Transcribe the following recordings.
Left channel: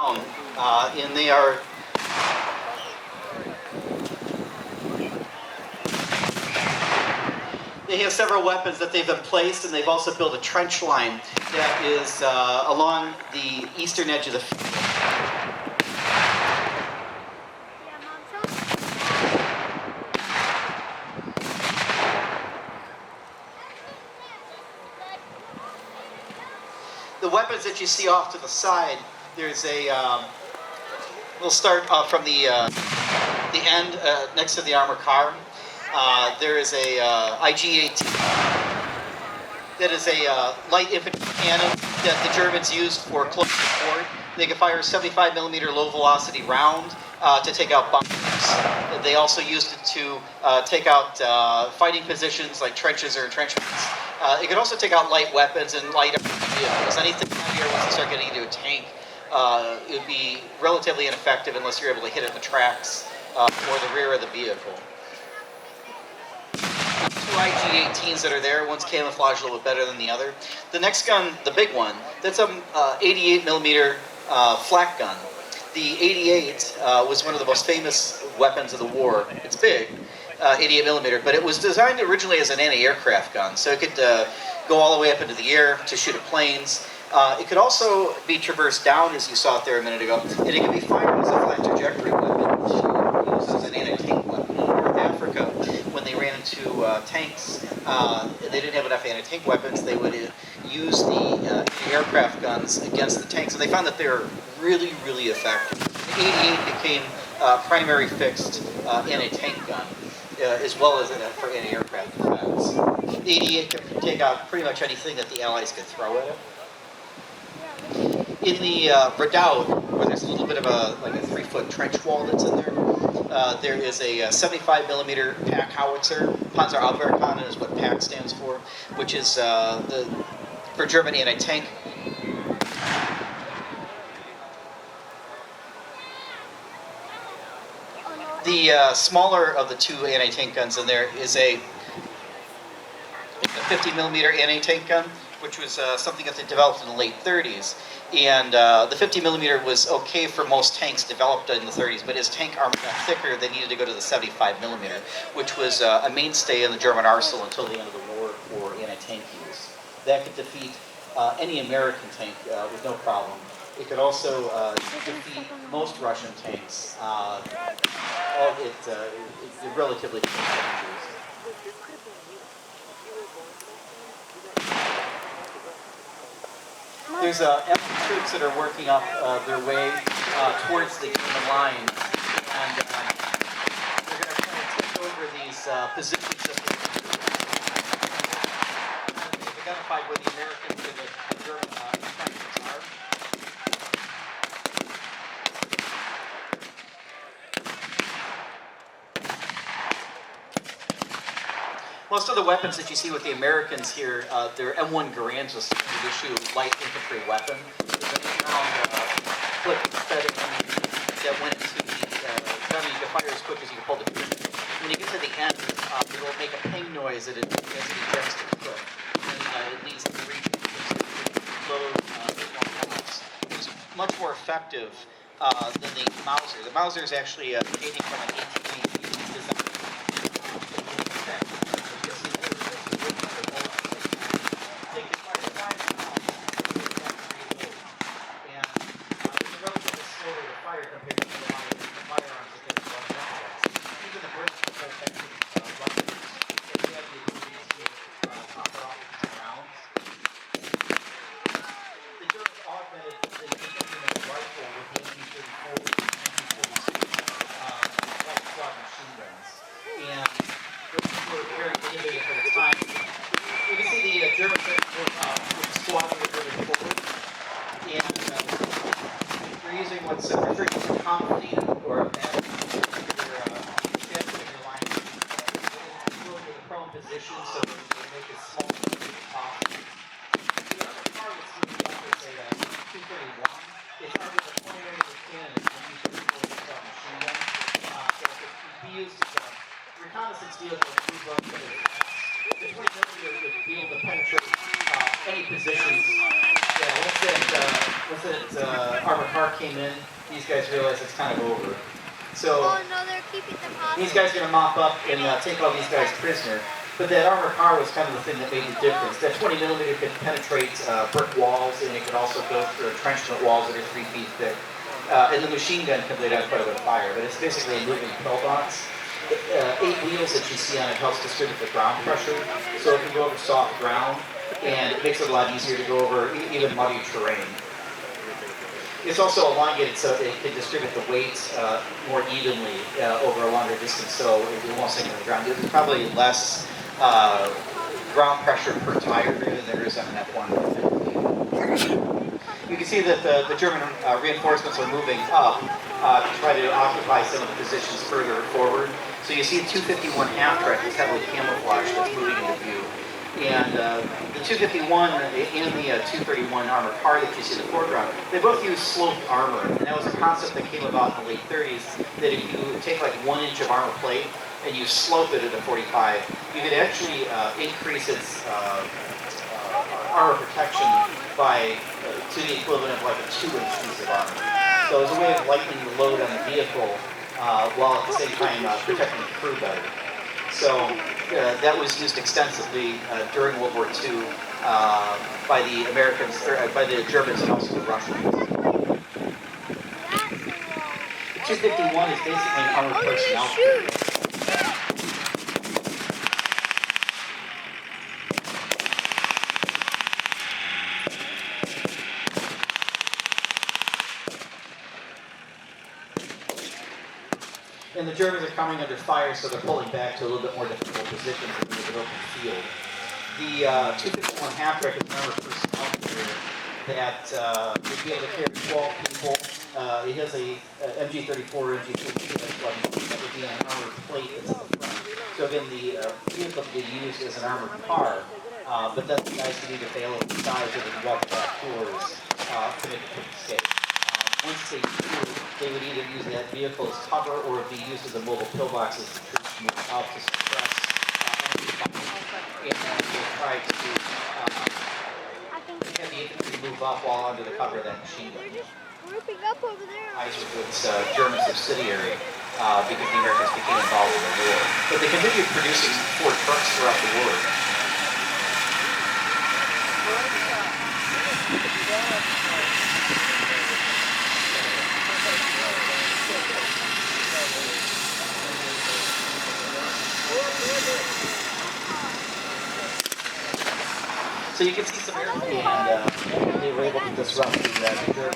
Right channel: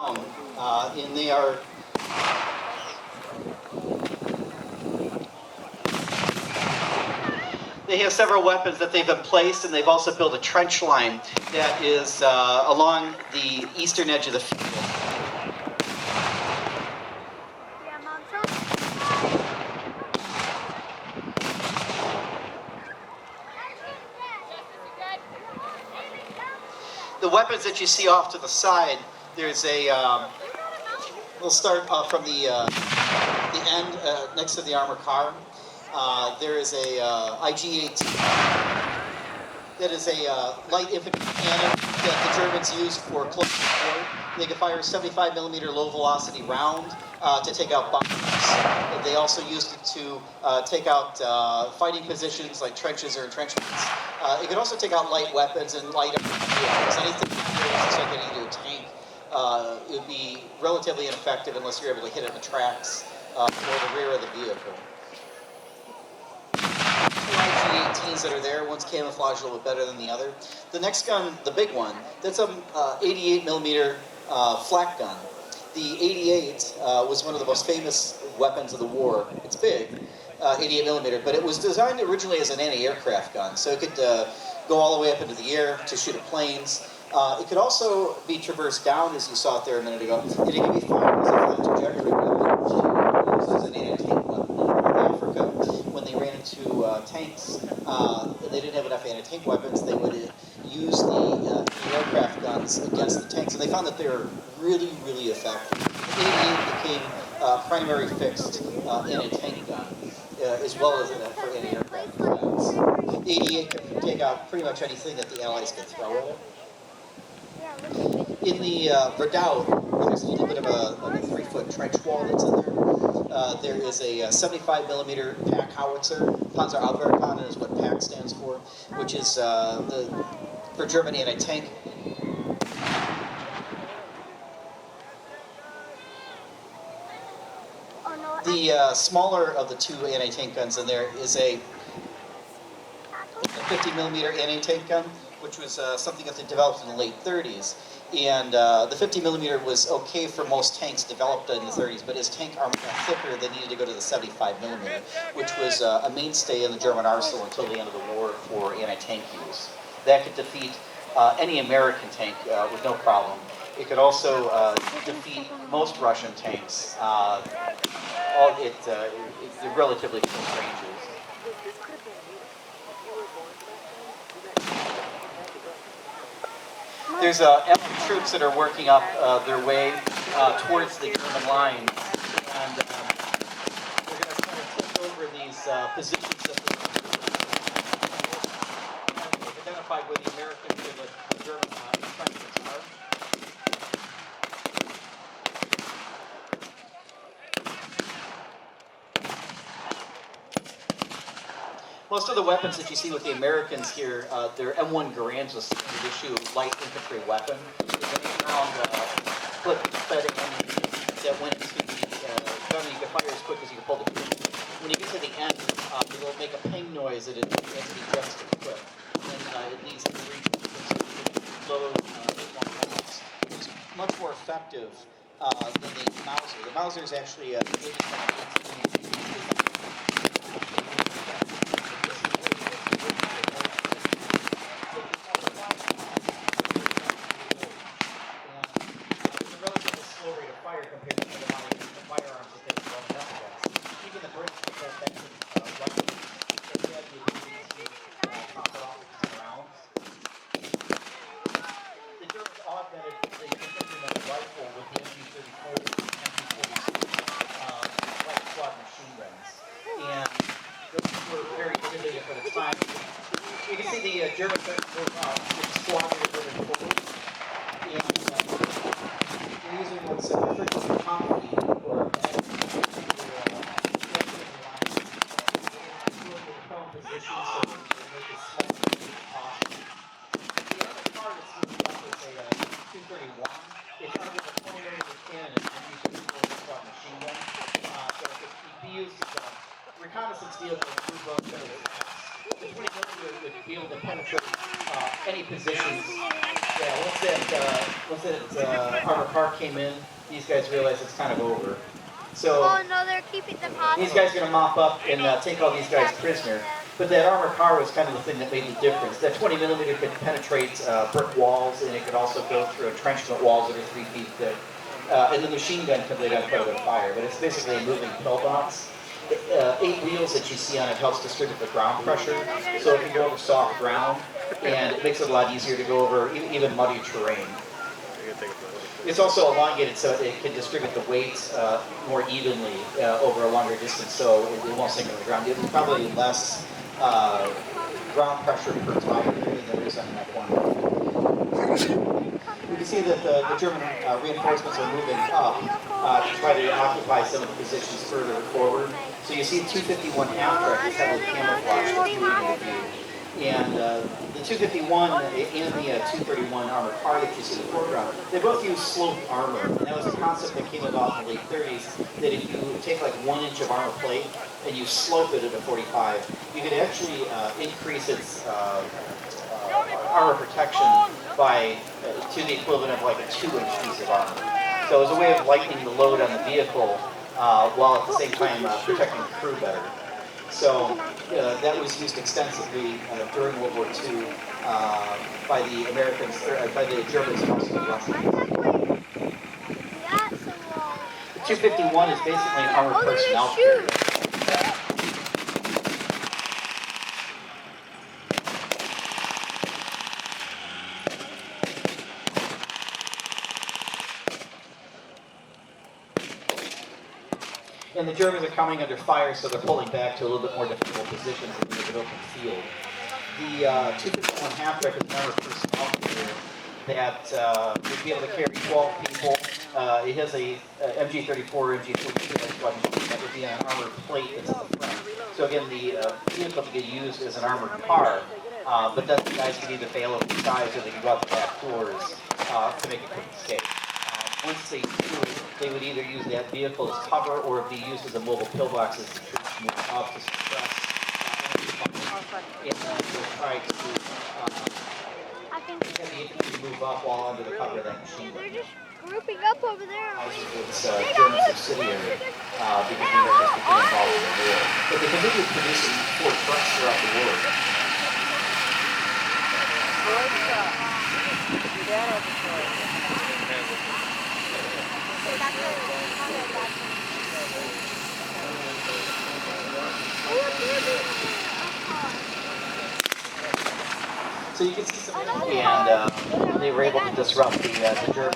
And they are they have several weapons that they've been placed, and they've also built a trench line that is along the eastern edge of the field. The weapons that you see off to the side, there's a, we'll start from the end next to the armored car. There is a IG-18 that is a light infantry cannon that the Germans used for close support. They can fire 75 millimeter low velocity round to take out bombs. They also used it to take out fighting positions like trenches or entrenchments. It could also take out light weapons and light vehicles. Anything here, once you start getting into a tank, it would be relatively ineffective unless you're able to hit it in the tracks or the rear of the vehicle. Two IG-18s that are there, one's camouflaged a little bit better than the other. The next gun, the big one, that's a 88 millimeter flak gun. The 88 was one of the most famous weapons of the war. It's big, 88 millimeter, but it was designed originally as an anti-aircraft gun, so it could go all the way up into the air to shoot at planes. It could also be traversed down, as you saw it there a minute ago, and it could be fired as a flat trajectory weapon, used as an anti-tank weapon in North Africa. When they ran into tanks, they didn't have enough anti-tank weapons, they would use the aircraft guns against the tanks, and they found that they were really, really effective. The 88 became primary fixed anti-tank gun, as well as for anti-aircraft weapons. The 88 could take out pretty much anything that the Allies could throw at it. In the redoubt, where there's a little bit of a 3-foot trench wall that's in there, there is a 75 millimeter PaK howitzer. Panzerabwehrkanone is what PaK stands for, which is for German anti-tank. The smaller of the two anti-tank guns in there is a 50 millimeter anti-tank gun, which was something that they developed in the late 30s. And the 50 millimeter was okay for most tanks developed in the 30s, but as tank armor got thicker, they needed to go to the 75 millimeter, which was a mainstay in the German arsenal until the end of the war for anti-tank use. That could defeat any American tank with no problem. It could also defeat most Russian tanks. It relatively close ranges. There's Allied troops that are working up their way towards the German lines, and they're going to try to take over these positions that they've identified where the American and the German entrenchments are. Most of the weapons that you see with the Americans here, they're M1 Garands, a standard issue light infantry weapon. There's an 8-round clip-fed ammunition that went into the gun. You can fire as quick as you can pull the trigger. When you get to the end, it will make a ping noise as it ejects the clip. And it leads to the region to load it's much more effective than the Mauser. The Mauser is actually a Canadian kind of 18 design. You can see the German squad moving forward, and they're using what's referred to as a confidant or a bed. They're line in the prone position so they make it small as possible. The other targets moving up is a 231. They target the point area of the cannon and use it for machine gun. So it can be used as a reconnaissance vehicle to move up the 20 millimeter would be able to penetrate any positions Yeah, once that armored car came in, these guys realized it's kind of over. So Oh no, they're keeping them hostage. these guys are gonna mop up and take all these guys prisoner. But that armored car was kind of the thing that made the difference. That 20 millimeter could penetrate brick walls, and it could also go through entrenchment walls that are 3 feet thick. And the machine gun can lay down quite a bit of fire, but it's basically a moving pillbox. 8 wheels that you see on it helps distribute the ground pressure, so it can go over soft ground, and it makes it a lot easier to go over even muddy terrain. It's also elongated so it can distribute the weight more evenly over a longer distance, so it won't sink into the ground. There's probably less ground pressure per tire there than there is on that one. You can see that the German reinforcements are moving up to try to occupy some of the positions further forward. So you see the 251 half-track is heavily camouflaged that's moving into view. And the 251 and the 231 armored car that you see in the foreground, they both use sloped armor. And that was a concept that came about in the late 30s, that if you take like 1 inch of armor plate and you slope it at a 45, you could actually increase its armor protection by to the equivalent of like a 2-inch piece of armor. So it was a way of lightening the load on the vehicle while at the same time protecting the crew better. So that was used extensively during World War II by the Americans, or by the Germans and also the Russians. The 251 is basically an armored personnel carrier. And the Germans are coming under fire, so they're pulling back to a little bit more difficult positions in the open field. The 251 half-track is an armored personnel carrier that would be able to carry 12 people. It has a MG34 or MG42 that would be on an armored plate that's in the front. So again, the vehicle could be used as an armored car, but then the guys could either bail over the sides or they could go out the back doors to make a quick escape. Once they do, they would either use that vehicle as cover or be used as a mobile pillbox as the troops move out to suppress and then they'll try to have the infantry move up while under the cover of that machine gun. They're just grouping up over there. It's a German subsidiary because the Americans became involved in the war. But they continued producing Ford trucks throughout the war. So you can see some, and they were able to disrupt the German. The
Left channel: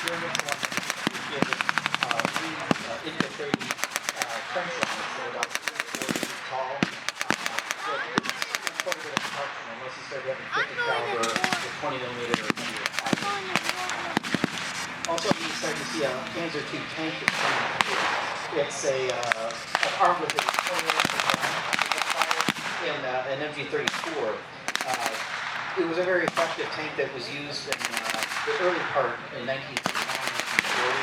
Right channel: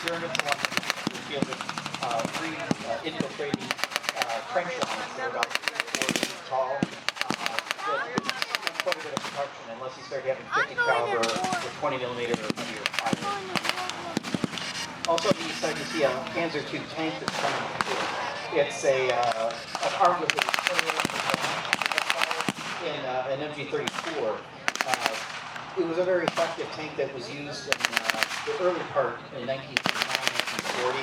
Germans wanted to give three infiltrating trench lines that are about 4 feet tall. That quite a bit of protection unless you start having 50 caliber or 20 millimeter or linear fire. Also, you start to see a Panzer II tank that's coming through. It's armed with an MG34. It was a very effective tank that was used in the early part in 1939, 1940,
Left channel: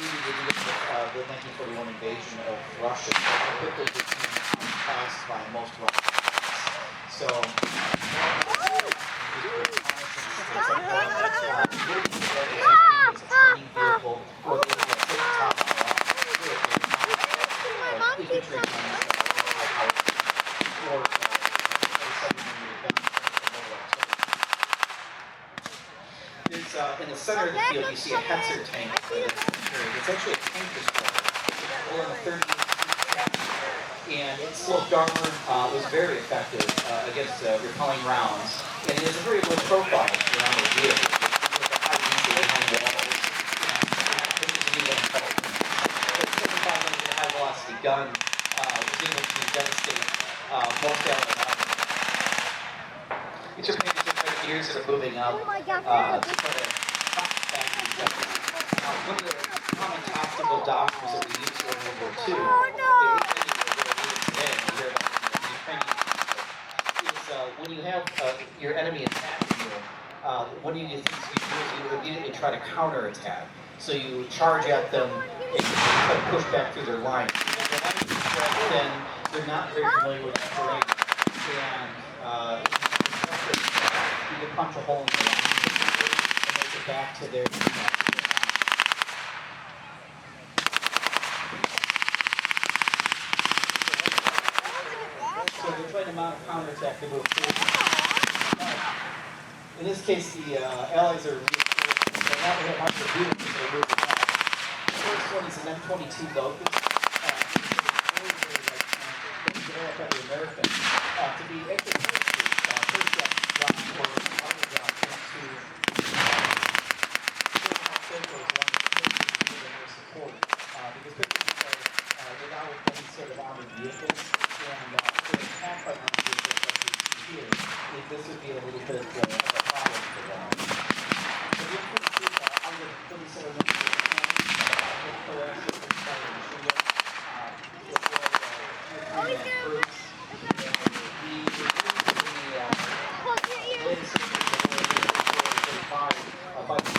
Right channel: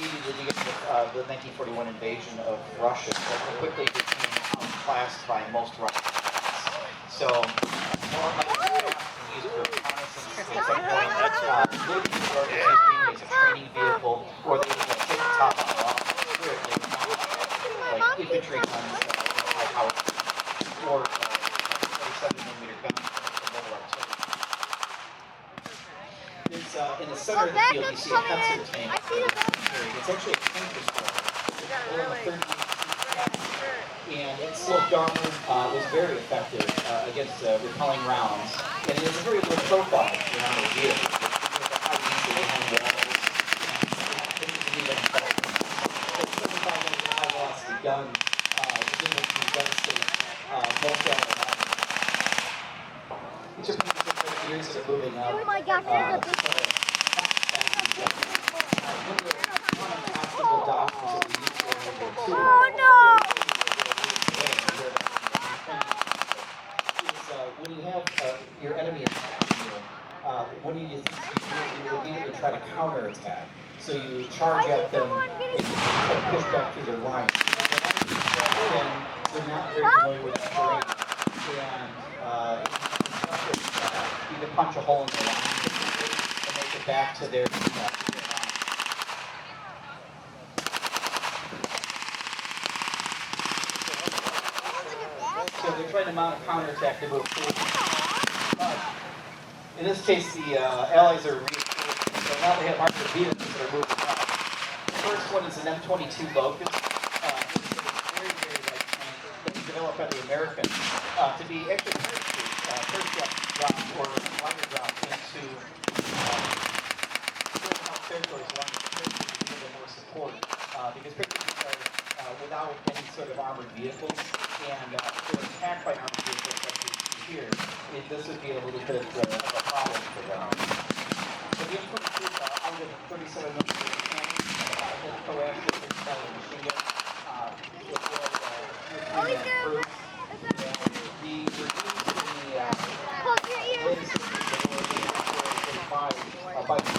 immediately with the 1941 invasion of Russia. It quickly became outclassed by most Russians. So, training vehicle, or they would take the top off infantry guns, high power, or 27mm guns from World War II. There's, in the center of the field, you see a Hetzer tank. It's actually a tank destroyer. It's more than 30 and its sloped armor was very effective against repelling rounds. And it has a very low profile around the vehicle. With a high diesel behind walls. This is a new one. It's 75 high velocity gun. Most these are maybe years that are moving up. Oh my gosh, there's a big one of the common hospital doctors that we use for World War II. Oh no! When you have your enemy attacking you, what you do is you immediately try to counterattack. So you charge at them and you push back through their line. Then they're not very familiar with the terrain. and you can punch a hole in the line and make it back to their. So they're trying to mount a counterattack to move forward. In this case, the Allies are reinforced, so now they have harder to do it because they're moving back. The first one is an M22 Locust. Very, very light tank that was developed by the Americans to be actually first drop or water drop into how critical is one more support because Christians are without any sort of armored vehicles and they're attacked by armored vehicles like we see here. This would be a little bit of a problem for them. So the M22 out of 37 millimeter cannon, proactive and fire machine gun, it was improved. The reviews in the latest by the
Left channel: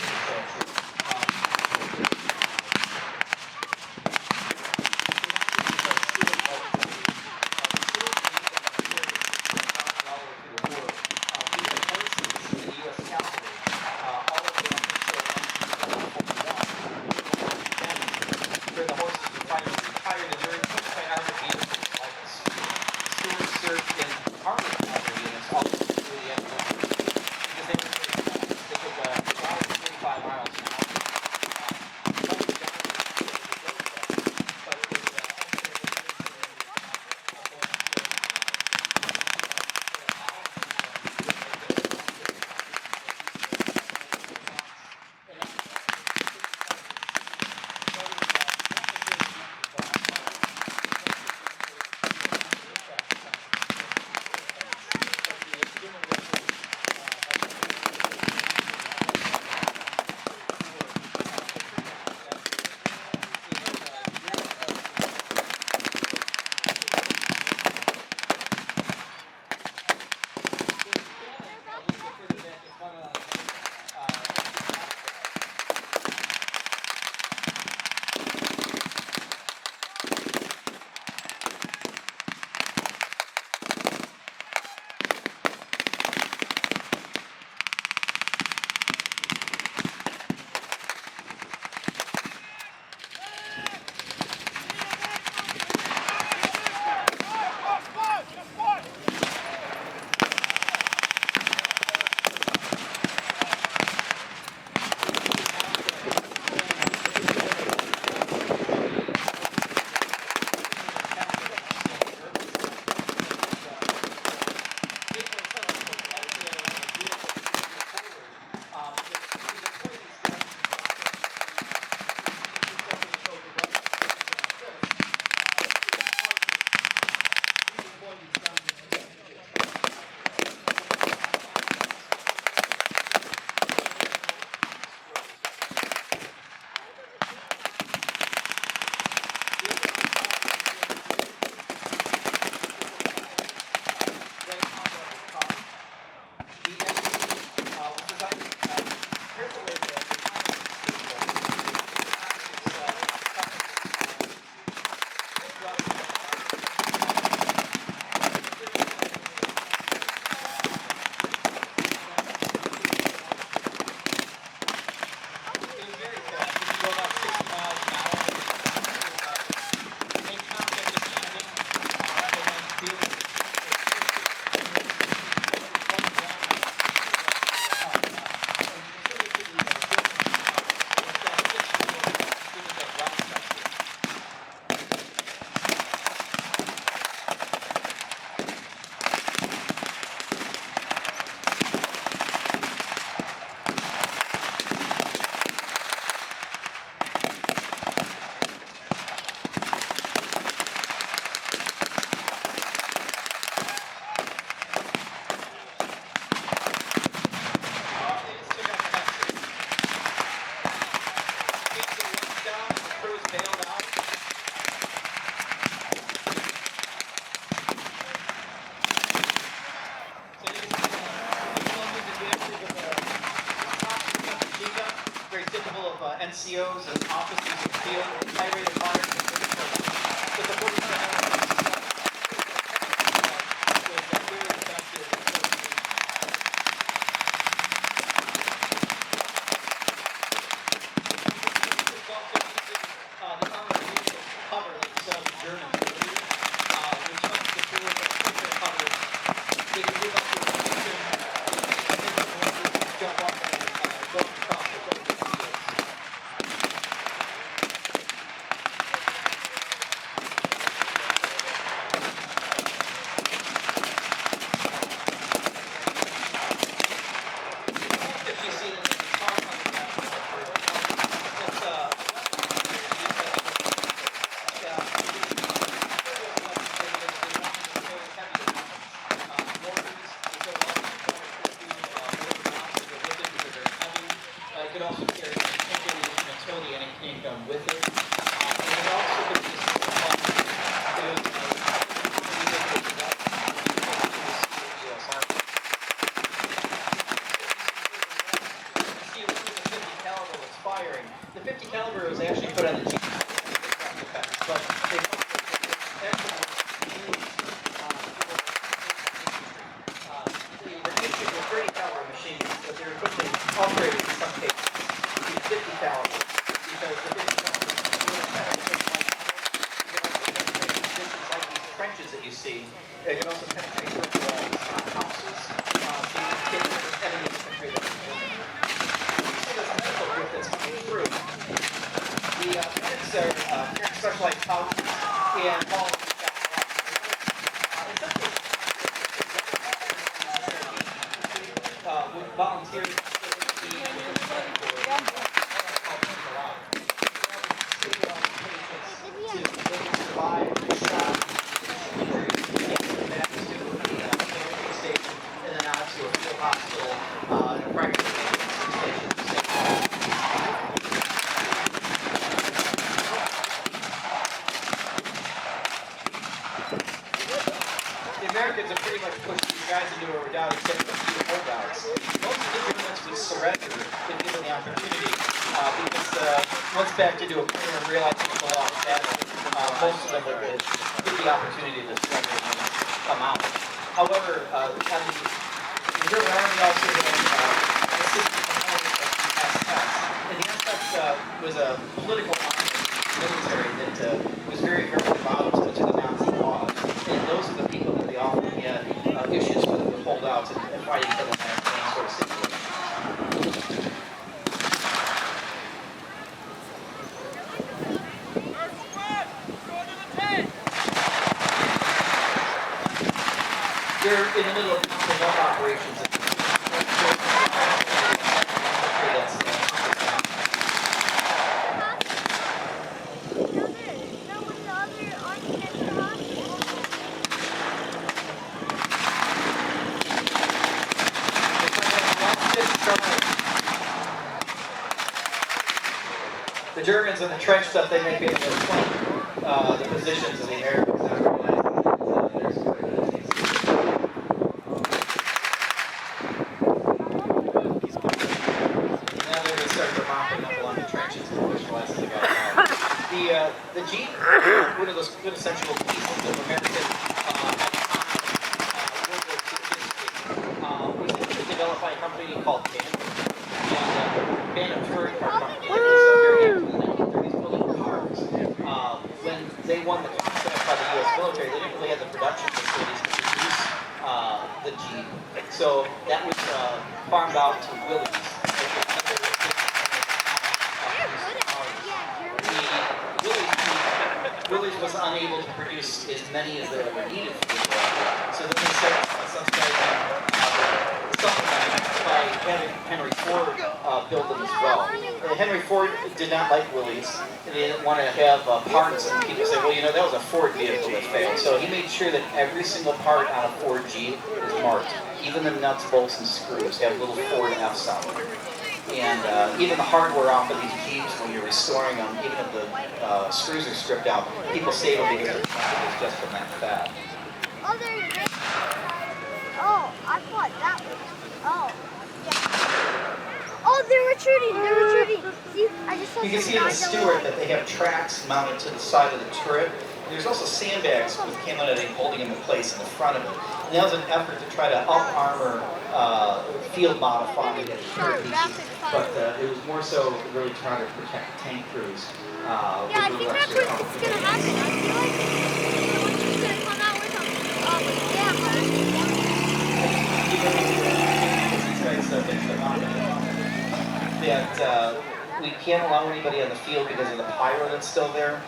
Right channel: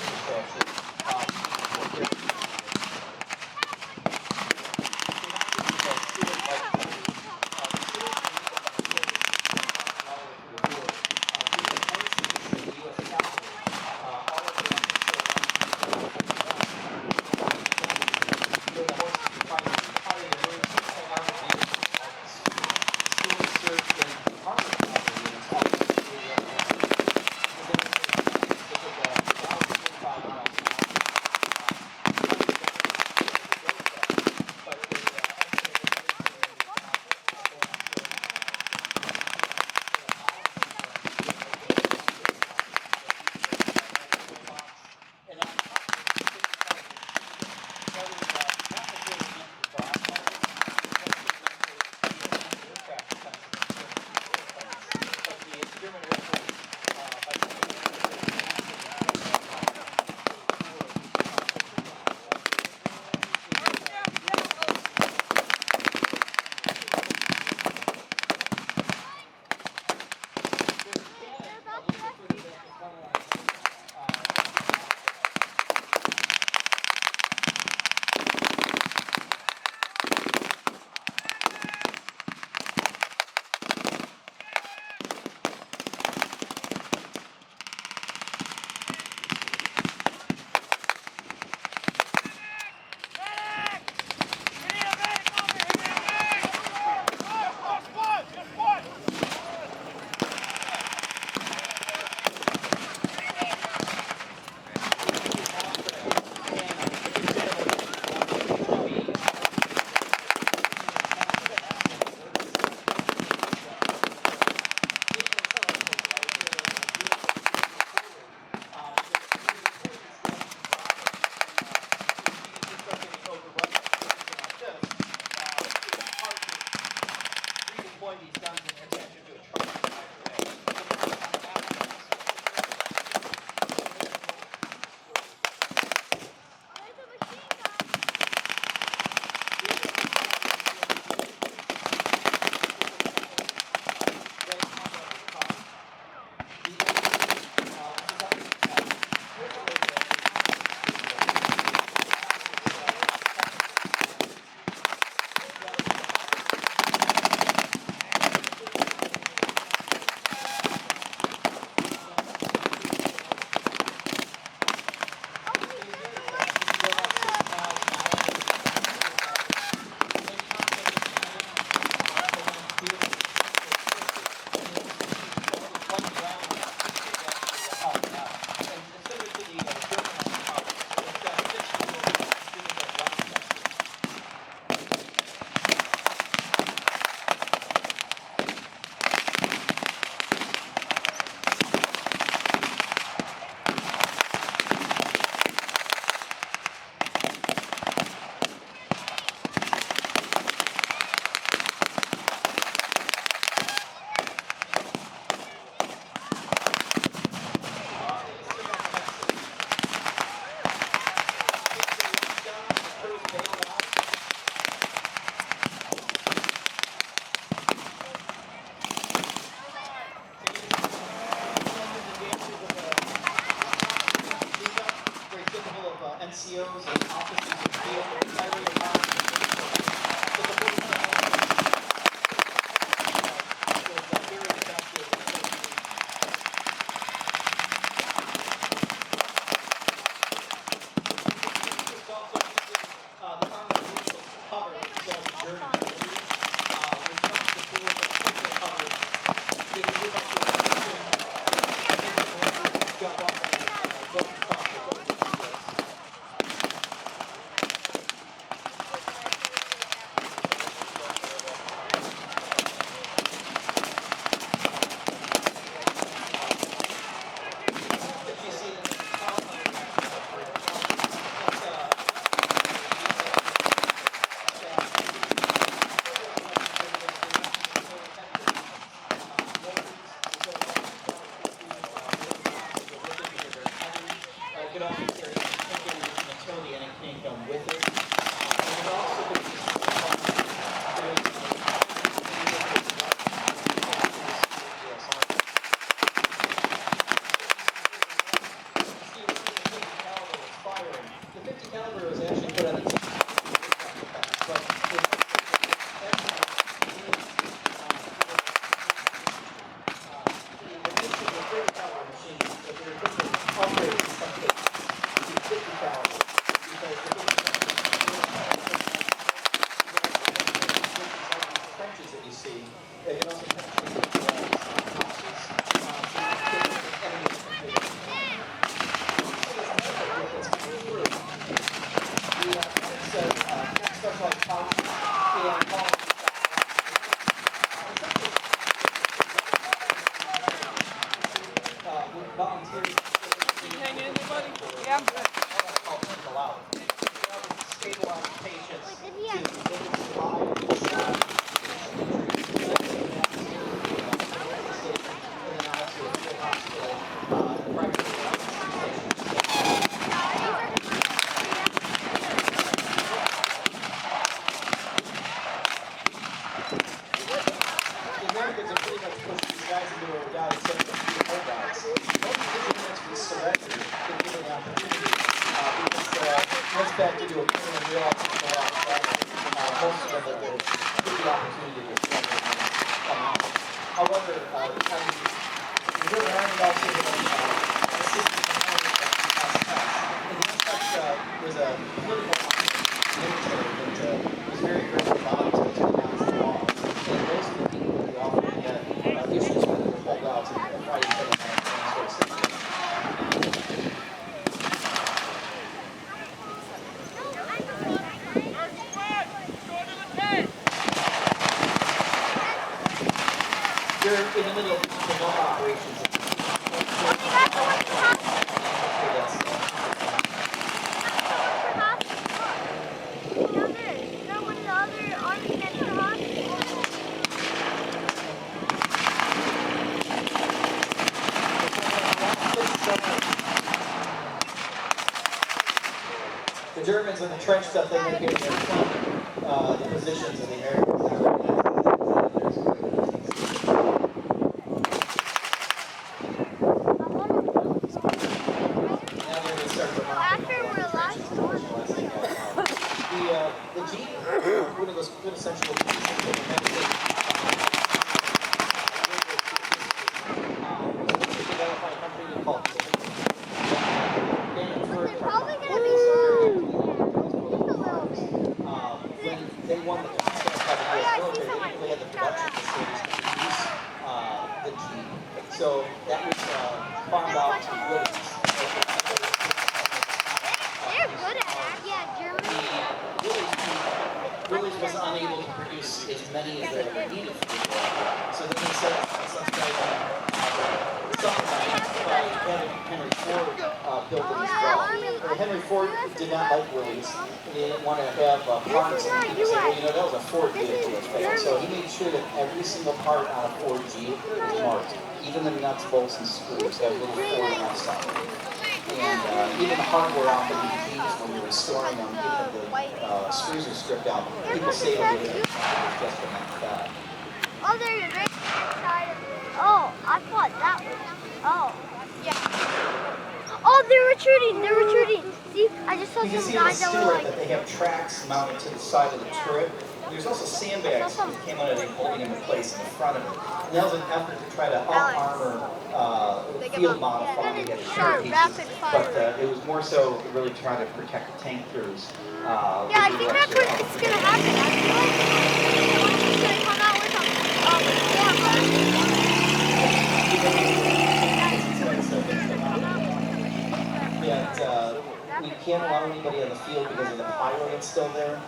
you see. They can also penetrate the walls on houses. So you can get any different way that you can. You see this medical group that's coming through. The medics are specialized houses and all of with volunteers. Can you hang in there, buddy? Yeah. Stabilize patients so they can survive the shock, injuries, and back to the station, and then out to a field hospital, and a private station. The Americans are pretty much pushed these guys into a redoubt except for the holdouts. Most of the units would surrender if given the opportunity, because once back into a plane and realized it's a lot of battle, most of them would get the opportunity to surrender and come out. However, you're rounding out to the and the NSX was a political military that was very involved to the Nazi law. And those are the people that they often get issues with the holdouts and fighting for the Nazi. They're in the middle of remote operations. The Germans in the trench stuff, they might be able to explain the positions of the Americans not realizing that there's now they're going to start remarking up along the trenches and visualizing the Jeep, one of those quintessential pieces of American was developed by a company called when they won the contract by the U.S. military, they didn't really have the production facilities to produce the Jeep. So that was farmed out to Willys. Willys was unable to produce as many as they were needed for the war. So then they started subsidizing by having Henry Ford build them as well. Henry Ford did not like Willys, and they didn't want to have parts, and people say, well, you know, that was a Ford vehicle that failed. So he made sure that every single part on a Ford Jeep was marked. Even the nuts, bolts, and screws have little Ford F's on them. And even the hardware off of these Jeeps, when you're restoring them, even if the screws are stripped out, people say it'll be just from that fat. Oh, there you go. Oh, I thought that was. Oh, yeah. Oh, they're retreating. They're retreating. See, I just saw you can some see in the guys that Stewart were that they have tracks mounted to the side of the turret. There's also sandbags which came out of it holding them in place in the front of it. And that was an effort to try to up-armor field modifying the turret pieces, but it was more so really trying to protect the tank crews. Yeah, I think that's what it's going to happen. I feel like it's going to come out with that we can't allow anybody on the field because of the pyro that's still there.